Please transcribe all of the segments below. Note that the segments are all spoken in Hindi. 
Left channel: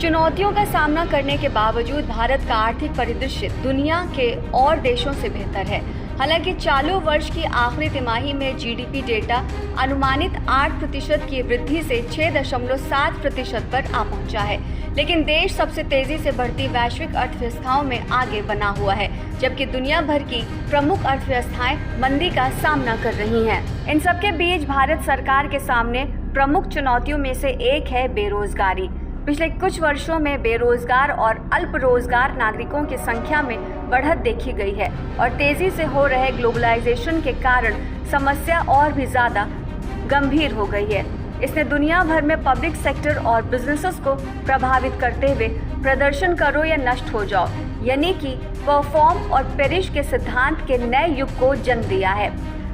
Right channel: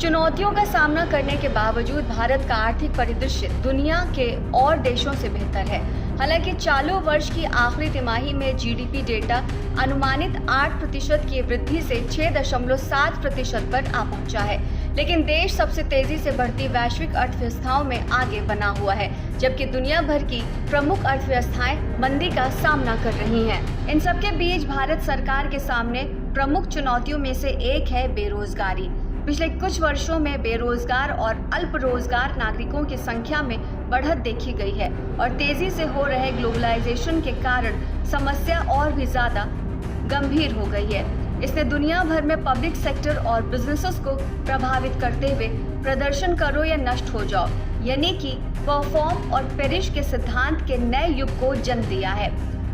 चुनौतियों का सामना करने के बावजूद भारत का आर्थिक परिदृश्य दुनिया के और देशों से बेहतर है। हालांकि चालू वर्ष की आखिरी तिमाही में जीडीपी डेटा अनुमानित 8% की वृद्धि से 6.7% पर आ पहुंचा है, लेकिन देश सबसे तेजी से बढ़ती वैश्विक अर्थव्यवस्थाओं में आगे बना हुआ है, जबकि दुनिया भर की प्रमुख अर्थव्यवस्थाएं मंदी का सामना कर रही हैं। इन सबके बीच भारत सरकार के सामने प्रमुख चुनौतियों में से एक है बेरोजगारी। पिछले कुछ वर्षों में बेरोजगार और अल्प रोजगार नागरिकों की संख्या में बढ़त देखी गई है और तेजी से हो रहे ग्लोबलाइजेशन के कारण समस्या और भी ज़्यादा गंभीर हो गई है। इसने दुनिया भर में पब्लिक सेक्टर और बिजनेसेस को प्रभावित करते हुए प्रदर्शन करो या नष्ट हो जाओ, यानी कि परफॉर्म और पेरिश के सिद्धांत के नए युग को जन्म दिया है।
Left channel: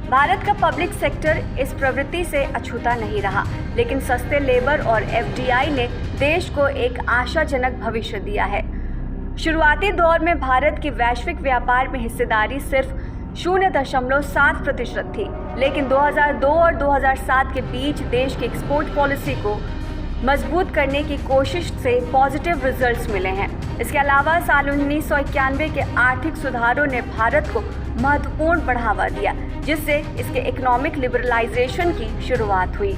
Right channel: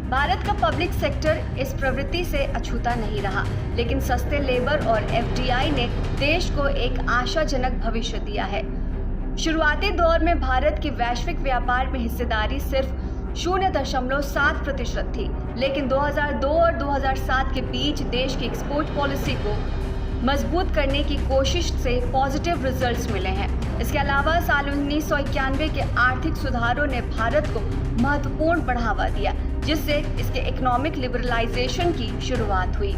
भारत का पब्लिक सेक्टर इस प्रवृत्ति से अछूता नहीं रहा, लेकिन सस्ते लेबर और एफडीआई ने देश को एक आशाजनक भविष्य दिया है। शुरुआती दौर में भारत की वैश्विक व्यापार में हिस्सेदारी सिर्फ 0.7% थी, लेकिन 2002 और 2007 के बीच देश की एक्सपोर्ट पॉलिसी को मजबूत करने की कोशिश से पॉजिटिव रिजल्ट्स मिले हैं। इसके अलावा साल 1991 के आर्थिक सुधारों ने भारत को महत्वपूर्ण बढ़ावा दिया, जिससे इसके इकोनॉमिक लिबरलाइजेशन की शुरुआत हुई।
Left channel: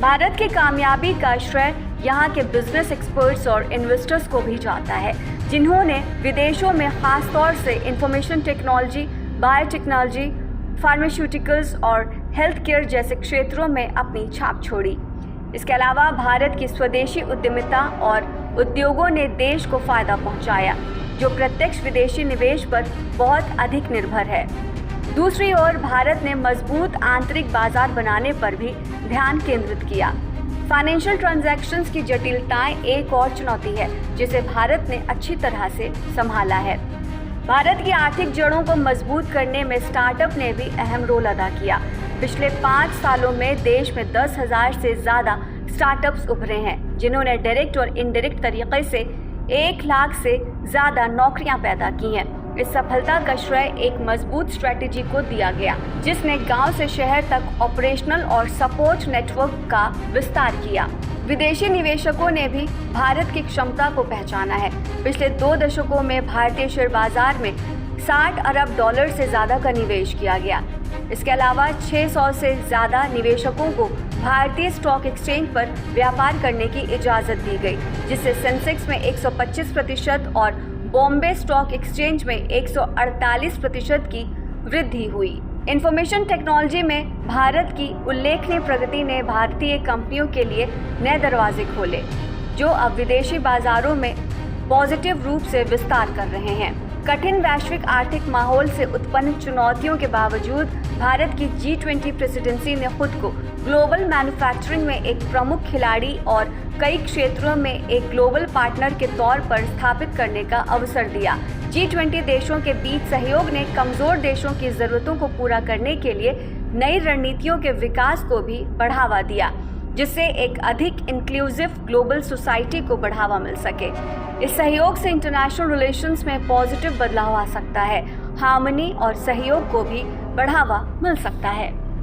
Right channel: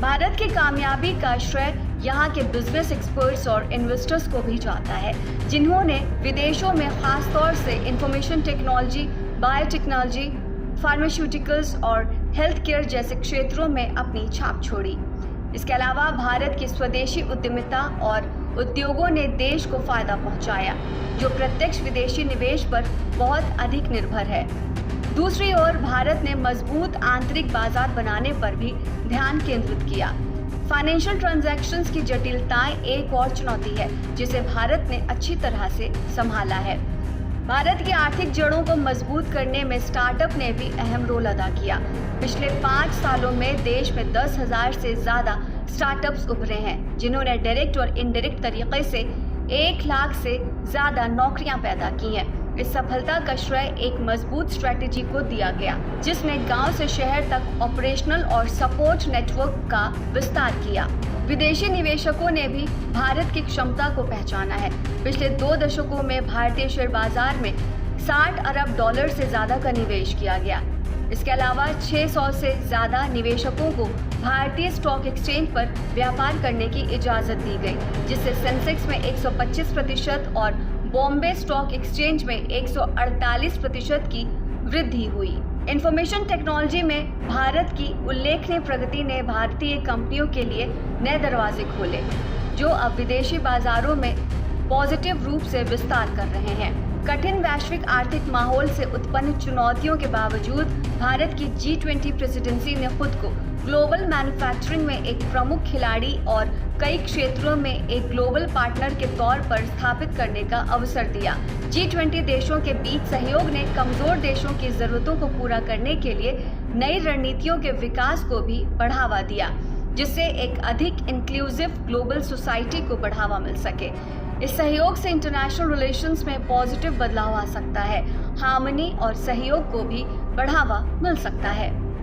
भारत की कामयाबी का श्रेय यहाँ के बिजनेस एक्सपर्ट्स और इन्वेस्टर्स को भी जाता है, जिन्होंने विदेशों में खास तौर से इंफॉर्मेशन टेक्नोलॉजी, बायोटेक्नोलॉजी, फार्मास्यूटिकल्स और हेल्थ केयर जैसे क्षेत्रों में अपनी छाप छोड़ी। इसके अलावा भारत की स्वदेशी उद्यमिता और उद्योगों ने देश को फायदा पहुंचाया, जो प्रत्यक्ष विदेशी निवेश पर बहुत अधिक निर्भर है। दूसरी ओर भारत ने मजबूत आंतरिक बाजार बनाने पर भी ध्यान केंद्रित किया। फाइनेंशियल ट्रांजैक्शंस की जटिलताएं एक और चुनौती है, जिसे भारत ने अच्छी तरह से संभाला है। भारत की आर्थिक जड़ों को मजबूत करने में स्टार्टअप ने भी अहम रोल अदा किया। पिछले 5 सालों में देश में 10,000 से ज़्यादा स्टार्टअप्स उभरे हैं, जिन्होंने डायरेक्ट और इनडायरेक्ट तरीके से 1 लाख से ज़्यादा नौकरियां पैदा की हैं। इस सफलता का श्रेय एक मजबूत स्ट्रैटेजी को दिया गया, जिसने गांव से शहर तक ऑपरेशनल और सपोर्ट नेटवर्क का विस्तार किया। विदेशी निवेशकों ने भी भारत की क्षमता को पहचाना है। पिछले 2 दशकों में भारतीय शेयर बाजार में $60 अरब से ज़्यादा का निवेश किया गया। इसके अलावा 600 से ज़्यादा निवेशकों को भारतीय स्टॉक एक्सचेंज पर व्यापार करने की इजाज़त दी गई, जिससे सेंसेक्स में 125% और बॉम्बे स्टॉक एक्सचेंज में 148% की वृद्धि हुई। इंफॉर्मेशन टेक्नोलॉजी में भारत की उल्लेखनीय प्रगति ने भारतीय कंपनियों के लिए नए दरवाजे खोले, जो अब विदेशी बाजारों में पॉजिटिव रूप से विस्तार कर रहे हैं। कठिन वैश्विक आर्थिक माहौल से उत्पन्न चुनौतियों के बावजूद भारत की G20 प्रेसिडेंसी ने खुद को ग्लोबल मैन्युफैक्चरिंग में एक प्रमुख खिलाड़ी और कई क्षेत्रों में एक ग्लोबल पार्टनर के तौर पर स्थापित करने का अवसर दिया। G20 देशों के बीच सहयोग ने कमजोर देशों की जरूरतों को पूरा करने के लिए नई रणनीतियों के विकास को भी बढ़ावा दिया, जिससे एक अधिक इंक्लूसिव ग्लोबल सोसाइटी को बढ़ावा मिल सके। इस सहयोग से इंटरनेशनल रिलेशंस में पॉजिटिव बदलाव आ सकता है, हार्मनी और सहयोग को भी बढ़ावा मिल सकता है।